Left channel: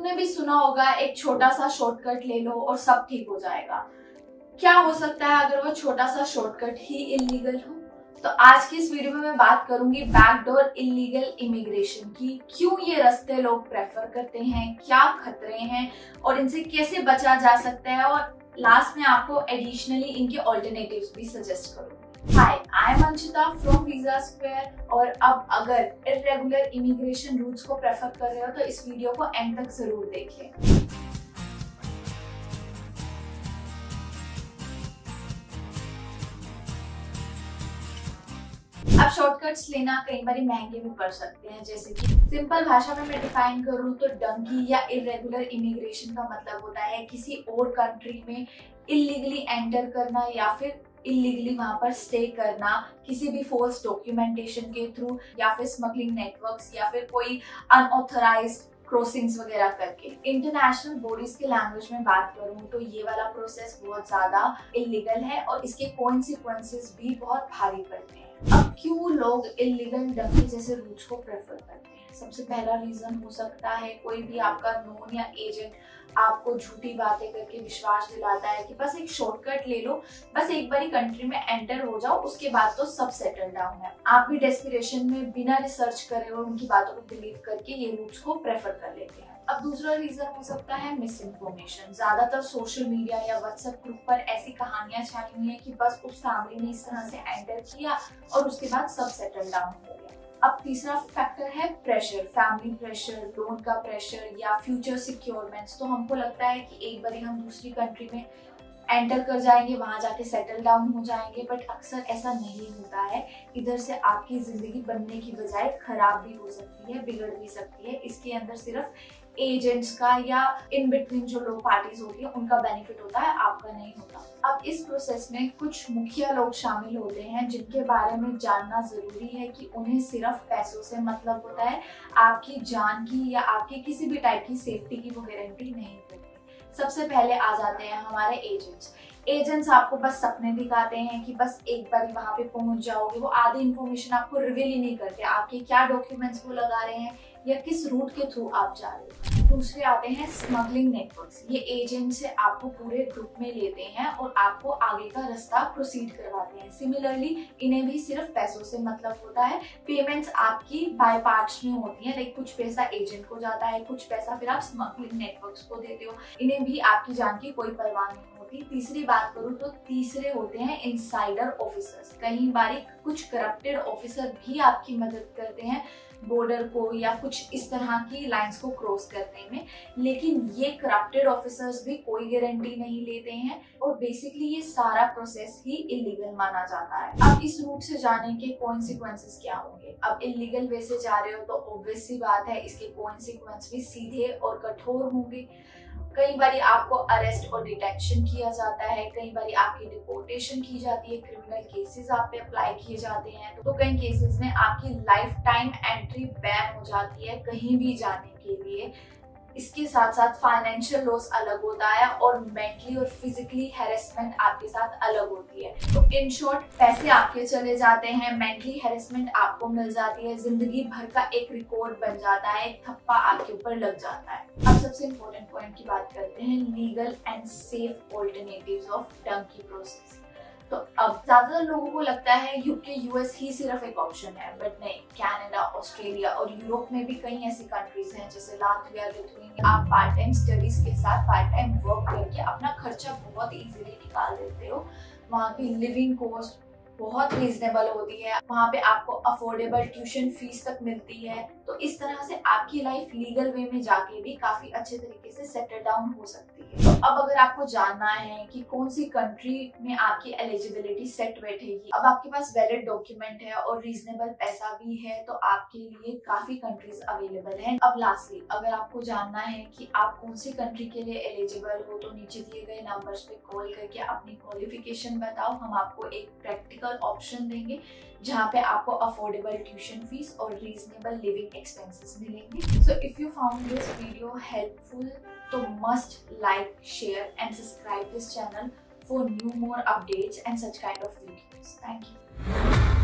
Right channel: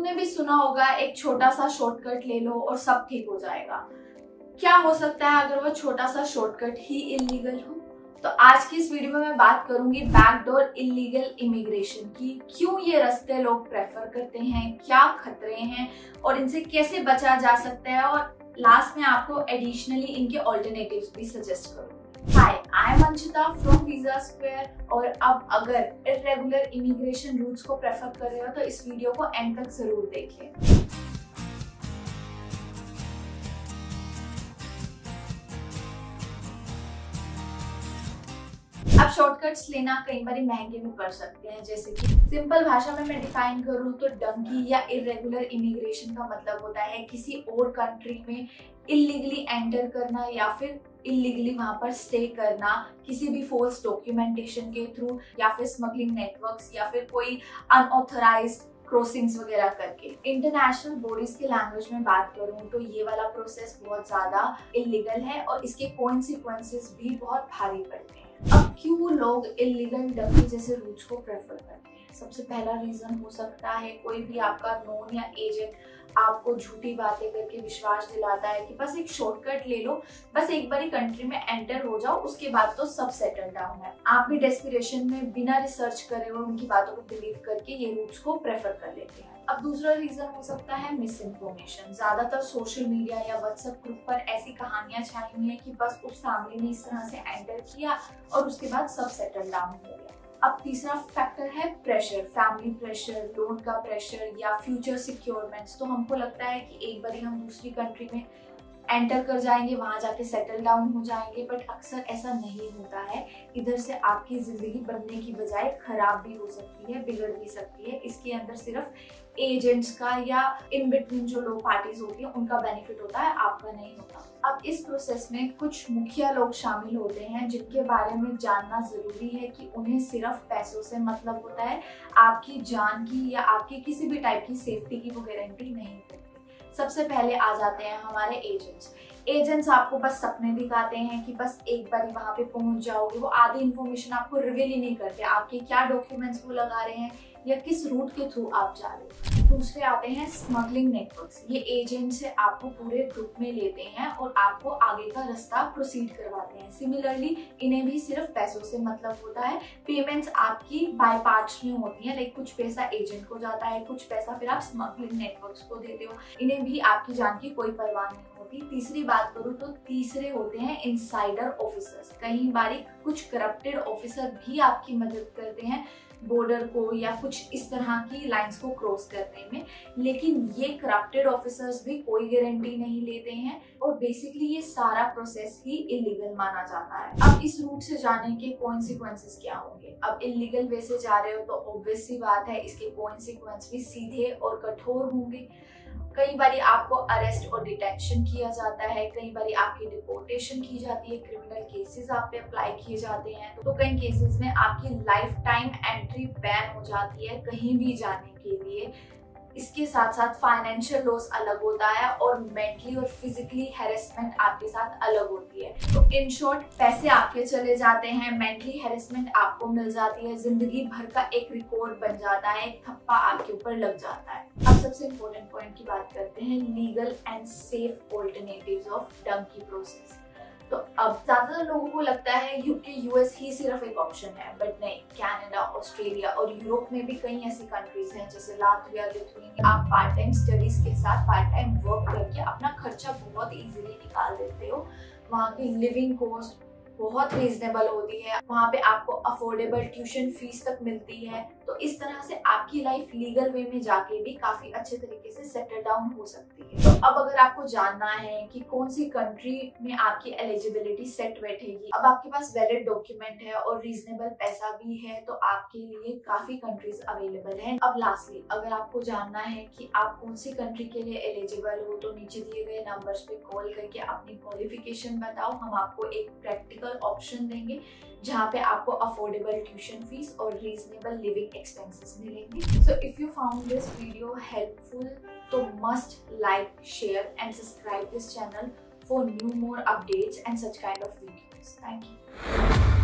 तुमने भी सुना होगा एक छोटा सा शॉर्टकट ले लो और सब ठीक हो जाएगा। क्या हो सकता है अगर वो छोटा सा शॉर्टकट ही इलीगल हो? तो आज की इस वीडियो में मैं बात करूंगी बैकडोर इलीगल इमिग्रेशन की। क्यों ये रास्ते लोग प्रेफर करते हैं, क्या खतरे हैं और इनसे कैसे बचा जा सकता है, और लास्ट में आपको एडिशनली इनके ऑल्टरनेटिव्स भी सजेस्ट करूंगी। Hi, I am Anshita from Visa Square. और अब अगर इर्रेगुलर इमिग्रेशन रूट्स को प्रेफर कर रहे हो तो इस वीडियो को एंड तक जरूर देखिए। अब शॉर्टकट्स लेना कई बार महंगे भी पड़ सकते हैं। जैसे कि सिंपल भाषा में मैं डिफाइन करूँ तो डंकी या इरेगुलर इमिग्रेशन का मतलब होता है किसी और कंट्री में इलीगली एंटर करना या फिर इलीगली वहां पर स्टे करना, किसी भी फॉल्स डॉक्यूमेंटेशन के थ्रू या फिर स्मगलिंग नेटवर्क्स या फिर कोई अनऑथराइज्ड क्रॉसिंग्स वगैरह करके। इंटरनेशनल बॉडीज के लैंग्वेज में बात करूं तो ये वाला प्रोसेस बहुत ज्यादा इलीगल है और इसके कॉन्सिक्वेंसेस भी बहुत भारी पड़ते हैं। अब क्यों लोग इलीगल डंकी जैसे रूट्स को प्रेफर करते हैं? सबसे पहला रीजन हो सकता है कोई भी आपका नोन या एजेंट आपको झूठी बातें करके विश्वास दिलाता है कि बस एक शॉर्टकट ले लो, बस एक बारी कंट्री में एंटर हो जाओ, उसके बाद तो सब सेटल डाउन है। आप भी डेस्पिरेशन में बिना रिसर्च करे और उनकी बातों को बिलीव करके ये रूट्स को प्रेफर कर लेते हैं। अब दूसरा रीजन हो सकता है मिस इन्फॉर्मेशन। ज्यादातर सोशल मीडिया या व्हाट्सएप ग्रुप पर ऐसी कहानियां छाई हुई है कि बस उस फैमिली ने इस तरह से एंटर किया और उसके बाद सब सेटल डाउन हो गया। अब तीसरा फैक्टर है प्रेशर, फैमिली प्रेशर, लोन का प्रेशर या फ्यूचर सिक्योरमेंट्स। तो हमको लगता है कि एक बार हम दूसरी कंट्री में एंटर कर जाएंगे, वहां जाके सेटल डाउन हो जाएंगे, बट अक्सर ऐसा नहीं होता है। इधर से आपकी जिंदगी बनने की बजाय खराब भी हो सकती है, बिगड़ भी सकती है। इसके अंदर सिर्फ एजेंट्स का या इन बिटवीन जो लोग पार्टीज होती है उनका बेनिफिट होता है, आपका नहीं होता। अब इस प्रोसेस में कुछ मुखिया लोग शामिल होते हैं जिनके बारे में जानना जरूरी है कि उन्हें सिर्फ पैसों से मतलब होता है, आपकी जान की या आपकी किसी भी टाइप की सेफ्टी की वो गारंटी नहीं करती। सबसे पहले आ जाते हैं हमारे एजेंट्स। एजेंट्स आपको बस सपने दिखाते हैं कि बस एक बार वहां पे पहुंच जाओगे। वो आधी इन्फॉर्मेशन आपको रिवील ही नहीं करते, आपके क्या डॉक्यूमेंट्स वो लगा रहे हैं या किस रूट के थ्रू आप जा रहे हो। दूसरे आते हैं स्मगलिंग नेटवर्क्स। ये एजेंट से आपको पूरे ग्रुप में लेते हैं और आपको आगे का रास्ता प्रोसीड करवाते हैं। सिमिलरली इन्हें भी सिर्फ पैसों से मतलब होता है। पेमेंट्स आपकी बाय पार्ट्स में होती है, लाइक कुछ पैसा एजेंट को जाता है, कुछ पैसा फिर आप स्मगलिंग नेटवर्क्स को देते हो। इन्हें भी आपकी जान की कोई परवाह नहीं होती। तीसरी बात करूँ तो तीसरे होते हैं इनसाइडर ऑफिसर्स। कई बार कुछ करप्टेड ऑफिसर भी आपकी मदद करते हैं बॉर्डर को या कुछ इस तरह की लाइंस को क्रॉस करने में, लेकिन ये करप्टेड ऑफिसर्स भी कोई गारंटी नहीं लेते हैं और बेसिकली ये सारा प्रोसेस ही इलीगल माना जाता है। अब इस रूट से जाने के कॉन्सिक्वेंसेस क्या होंगे? अब इलीगल वे से जा रहे हो तो ऑब्वियस सी बात है इसके कॉन्सिक्वेंस भी सीधे और कठोर होंगे। कई बार आपको अरेस्ट और डिटेंशन किया जाता है, कई बार आपकी डिपोर्टेशन की जाती है, क्रिमिनल केसेस आप पे अप्लाई किए जाते हैं। तो कई केसेस में आपकी लाइफ टाइम एंट्री बैन हो जाती है कहीं भी जाने के लिए। इसके साथ साथ फाइनेंशियल लॉस अलग होता है और मेंटली और फिजिकली हैरेसमेंट आपके साथ अलग होती है। तो इन शॉर्ट पैसे आपके चले जाते हैं, मेंटली हैरेसमेंट आपको मिल जाती है, जिंदगी भर का एक रिकॉर्ड बन जाता है, एक थप्पा आपके ऊपर लग जाता है। अब सबसे इम्पोर्टेंट पॉइंट की बात करते हैं, legal and safe alternatives of donkey process. तो अब ज्यादातर लोगों को लगता है यूके यूएस ही सिर्फ एक ऑप्शन है, बट नहीं, कनाडा, ऑस्ट्रेलिया और यूरोप में भी कई ऐसी कंट्रीज हैं जैसे लातविया, लिथुआनिया। आप पार्ट टाइम स्टडीज के साथ पार्ट टाइम वर्क करके अपना खर्चा बहुत इजीली निकाल देते हो। वहाँ की लिविंग कॉस्ट बहुत रीजनेबल होती है, वहाँ पे आपको अफोर्डेबल ट्यूशन फीस तक मिलती है। तो इस तरह से आपकी लाइफ लीगल वे में जाके भी काफी अच्छे तरीके से सेटल डाउन हो सकती है। तो अब अगर आपको जानना है कि कौन सी कंट्री में आपकी एलिजिबिलिटी सेट बैठेगी, अब आपके पास वैलिड डॉक्यूमेंट है और रीजनेबल पैसा भी है, तो आपके लिए काफी कंट्रीज अवेलेबल हैं। अब लास्टली अगर आपको जानना है कि आप कौन सी कंट्री के लिए एलिजिबल हो, तो नीचे दिए गए नंबर्स पे कॉल करके अपनी क्वालिफिकेशन बताओ। हम आपको एक प्रैक्टिकल ऑप्शन देंगे जहाँ पे आपको अफोर्डेबल ट्यूशन फीस और रीजनेबल लिविंग एक्सपेंसेस मिलेंगे। So if you found this video helpful तो must like, share and subscribe this channel for new more updates and such kind of videos. Thank you.